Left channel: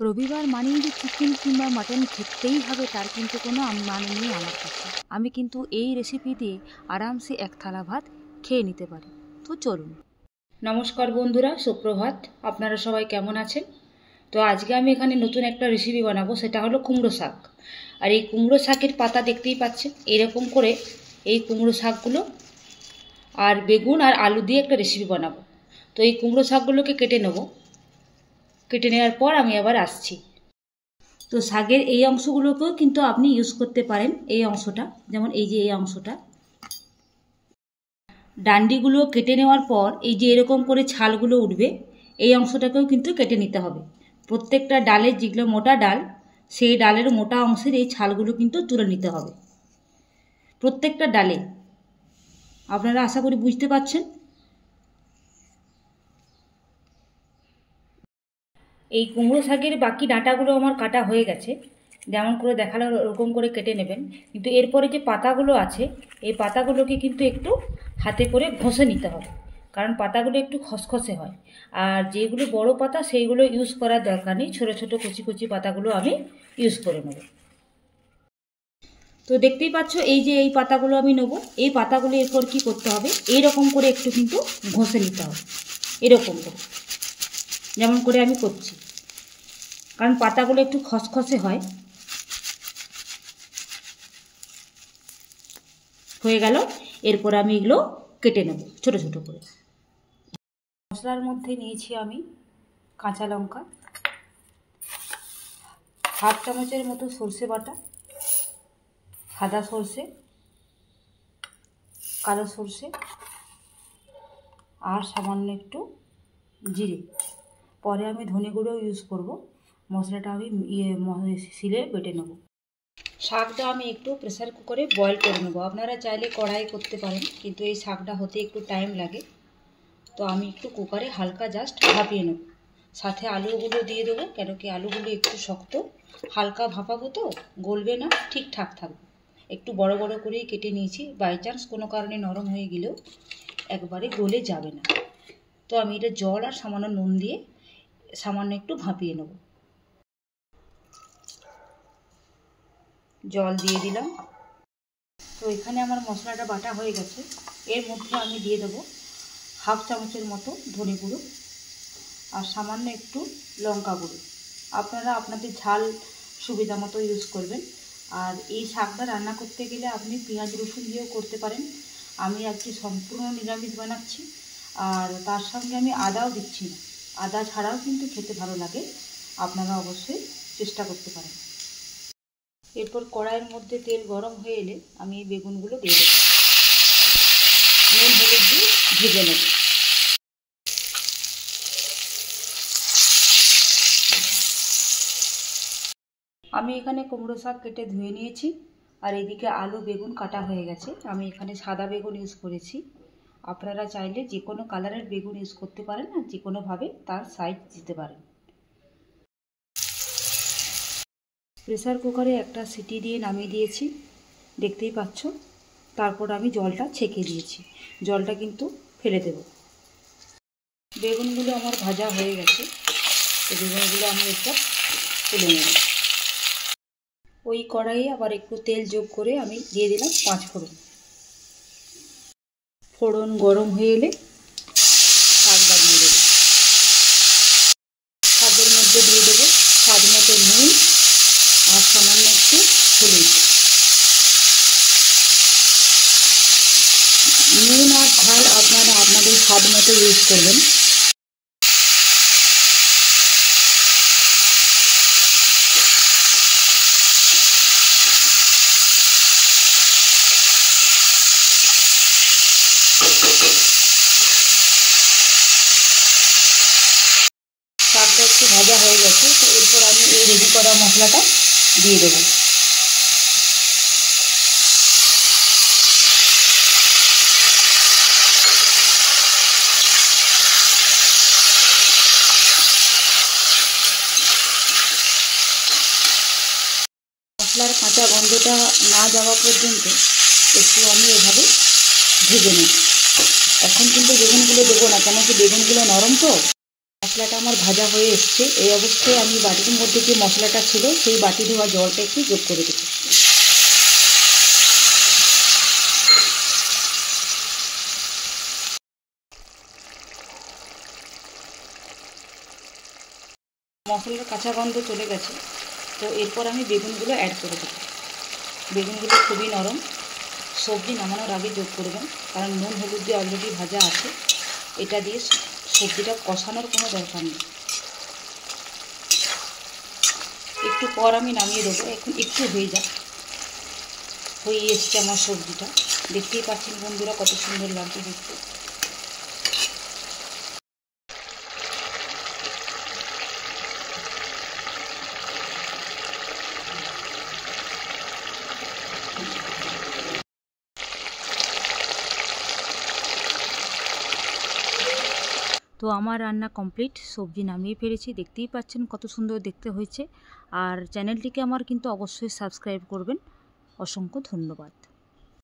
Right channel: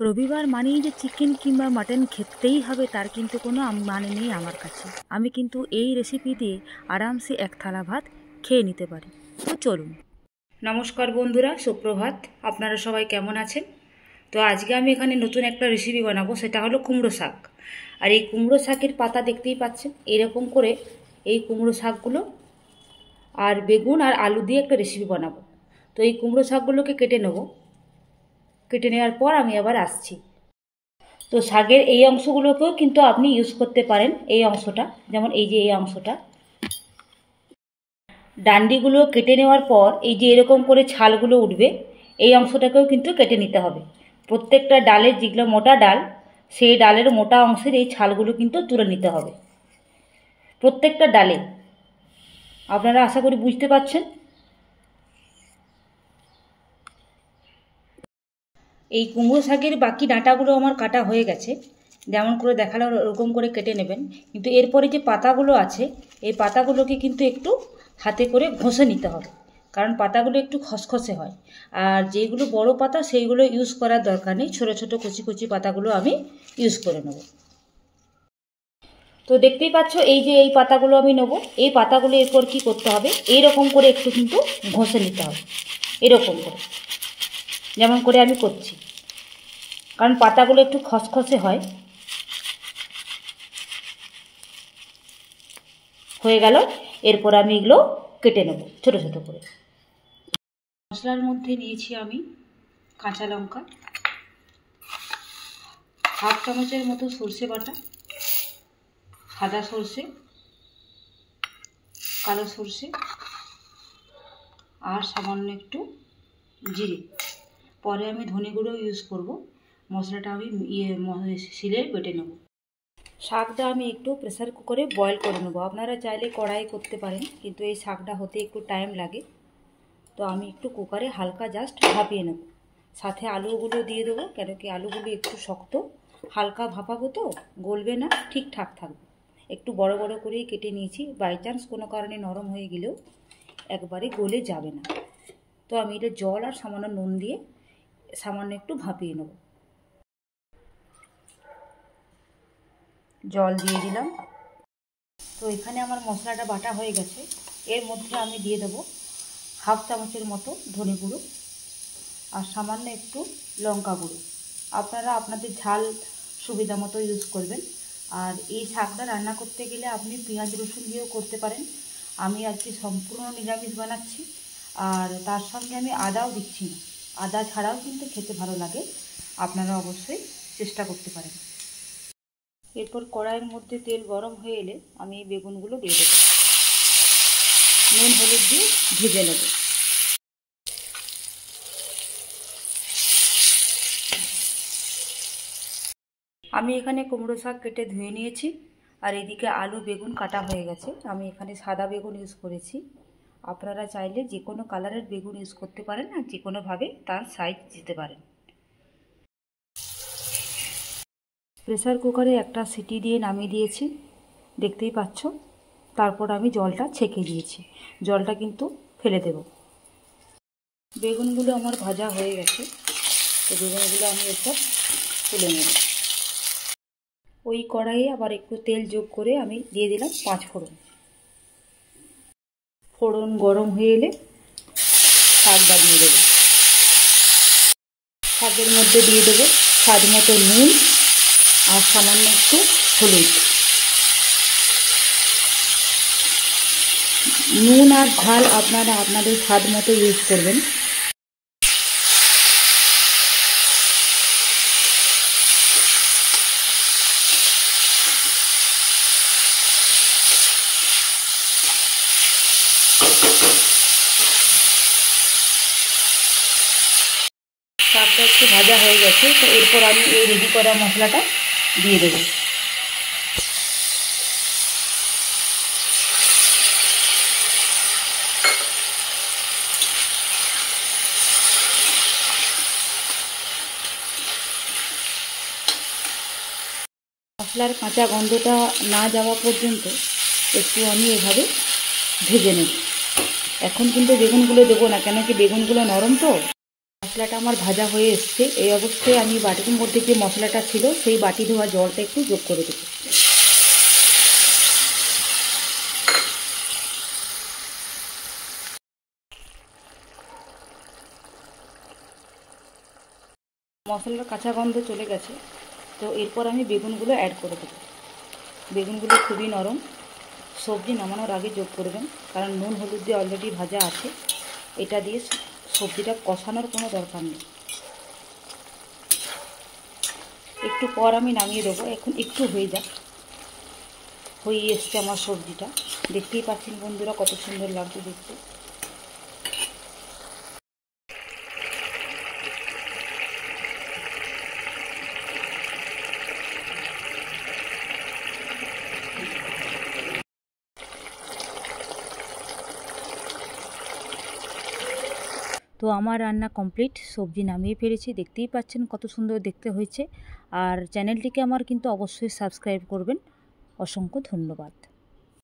রবিবার মানেই যে চিকেন কিংবা মাটন খেতেই হবে তার কিন্তু কোনো মানে নেই আমার কাছে। আমি কিন্তু এই রেসিপি দিয়ে আরামসে এক থালা ভাত খেয়ে নিতে পারি। তো চলুন। নমস্কার বন্ধুরা, সুপ্রভাত। আপনারা সবাই কেমন আছেন? তো আজকে আমি এখানে নতুন একটা রেসিপি বানাবো, সেটা হলো কুমড়ো শাক। আর এই কুমড়ো শাকের পাতা দেখতেই পাচ্ছেন, এরকম করে এই কুমড়ো শাকগুলো আর বেগুন আর আলু দিয়ে একটা রেসিপি বানাবো। তো এই কুমড়ো শাকগুলোকে কেটে নেব। কেটে নেওয়ার পর আমি আবার আসছি। তো শাকের এই অংশগুলোকেও কিন্তু আপনি ইউজ করতে পারেন। এই অংশটা, যেমন এই যে এই অংশটা, ডান্ডিগুলো কেটে নেওয়ার পর এই যে এরকম করে ছালগুলো উঠবে, এই অংশটাকেও কিন্তু কেটে নিতে হবে। প্রত্যেকটা ডালের যেগুলো মোটা ডাল, সেই ডালের মোটা অংশের এই ছালগুলো কিন্তু তুলে নিতে হবে প্রত্যেকটা ডালে। আপনারা আশা করি বুঝতে পারছেন। এই কুমড়ো শাকের বাকি ডাঁটাগুলো আমার কাটা হয়ে গেছে, যেমন করে দেখালো ওরকম করে কেটে নেবেন। কিন্তু এরপরে যে পাতাগুলো আছে, এই পাতাগুলোকে কিন্তু একটু হাতে করে ঘষে নিতে হবে, কারণ পাতাগুলো একটু খসখসে হয়। আর যেগুলো বড় পাতা সেইগুলো ইউজ করার দরকার নেই, ছোটো ছোটো কচি কচি পাতাগুলো আমি ইউজ করে নেব। তো দেখতেই পাচ্ছ এই যে এই পাতাগুলো আমি নেবো। এই পাতাগুলো এরপর কী করতে হবে, এইরকম করে একটু কিন্তু ঘষে নিতে হবে, এরকম করে, যেমন করে আমি করছি, কারণ পাতাগুলো একটু খসখসে হয়। হয়ে গেল। এরপর আমি এগুলো কেটে নেব ছোটো ছোটো করে। মশলার মধ্যে নিয়েছি আমি কাঁচা লঙ্কা, হাফ চামচের মতো সর্ষে বাটা, সাদা সর্ষে, কালো সর্ষে, আর সামান্য একটু জিরে। পরে আমি ধনে গুঁড়ো ইউজ করব। মশলাটা আমি শিলে বেটে নেব। শাকটা আমি একটু প্রেসার কুকারে বয়েল করে নেব। আপনারা চাইলে কড়াই করতে পারেন, কিন্তু এই শাকটা হতে একটু টাইম লাগে। তো আমি একটু কুকারে হালকা জাস্ট ভাপিয়ে নেব। সাথে আলুগুলো দিয়ে দেবো, কেন কি আলুগুলো একটু শক্ত, হালকা ভাপাবো তো গলবে না, ঠিকঠাক থাকবে। একটু বড় বড় করেই কেটে নিয়েছি, বাই চান্স কোনো কারণে নরম হয়ে গেলেও একবারে গলে যাবে না। তো আমি এটা জল আর সামান্য নুন দিয়ে সামান্য একটু ভাপিয়ে নেব। জল দিয়ে দিলাম। তো এখানে আমার মশলাটা বাটা হয়ে গেছে। এর মধ্যে আমি দিয়ে দেবো হাফ চামচের মতো ধনে গুঁড়ো আর সামান্য একটু লঙ্কা গুঁড়ো। আপনারা আপনাদের ঝাল সুবিধা মতো ইউজ করবেন। আর এই শাকটা রান্না করতে গেলে আপনি পেঁয়াজ রসুন দিয়েও করতে পারেন। আমি আজকে সম্পূর্ণ নিরামিষ বানাচ্ছি, আর তার সঙ্গে আমি আদাও দিচ্ছি না। আদা ছাড়াও কিন্তু খেতে ভালো লাগে, আপনারা অবশ্যই চেষ্টা করতে পারেন। এরপর কড়াইয়ের মধ্যে তেল গরম হয়ে এলে আমি এই বেগুনগুলো দিয়ে দেবো, নুন হলুদ দিয়ে ভেজে নেব। আমি এখানে কুমড়ো শাক কেটে ধুয়ে নিয়েছি, আর এদিকে আলু বেগুন কাটা হয়ে গেছে। আমি এখানে সাদা বেগুন ইউজ করেছি। আপনারা চাইলে যে কোনো কালারের বেগুন ইউজ করতে পারেন, আর যে কোনোভাবে তার সাইজ দিতে পারেন। প্রেসার কুকারে একটা সিটি দিয়ে নামিয়ে দিয়েছি, দেখতেই পাচ্ছ। তারপর আমি জলটা ছেঁকে দিয়েছি, জলটা কিন্তু ফেলে দেব। বেগুনগুলো আমার ভাজা হয়ে গেছে, তো বেগুনগুলো আমি এসব তুলে নেব। ওই কড়াইয়ে আবার একটু তেল যোগ করে আমি দিয়ে দিলাম 5 ফোড়ন। ফোড়ন গরম হয়ে এলে শাকটা দিয়ে দেবো। শাকের মধ্যে দিয়ে দেবো স্বাদ মতো নুন আর সামান্য একটু হলুদ। নুন আর ঝাল আপনারা আপনাদের স্বাদ মতো ইউজ করবেন। শাকটা একটু ভাজা হয়ে গেছে, তো এরপর আমি এই রেডি করা মশলাটা দিয়ে দেবো। মশলার কাঁচা গন্ধটা না যাওয়া পর্যন্ত একটু আমি এভাবে ভেজে নেব। এখন কিন্তু বেগুনগুলো দেবো না, কেন কি বেগুনগুলো নরম তো, মশলাটা আমার ভাজা হয়ে এসছে। এই অবস্থায় আমি বাটির মধ্যে যে মশলাটা ছিল সেই বাটি ধোয়া জলটা একটু যোগ করে দেব। মশলার কাঁচা গন্ধ চলে গেছে, তো এরপর আমি বেগুনগুলো অ্যাড করে দেবো। বেগুনগুলো খুবই নরম, সবজি নামানোর আগে যোগ করবেন, কারণ নুন হলুদ দিয়ে অলরেডি ভাজা আছে। এটা দিয়ে সবজিটা কষানোর কোনো দরকার নেই। একটু পর আমি নামিয়ে দেবো। এখন একটু হয়ে এসছে আমার সবজিটা। দেখতেই পাচ্ছেন বন্ধুরা কত সুন্দর লাগছে দেখতে। তো আমার রান্না কমপ্লিট, সবজি নামিয়ে ফেলেছি। দেখতেই পাচ্ছেন কত সুন্দর দেখতে হয়েছে। আর চ্যানেলটিকে আমার কিন্তু অবশ্যই সাবস্ক্রাইব করবেন। অসংখ্য ধন্যবাদ।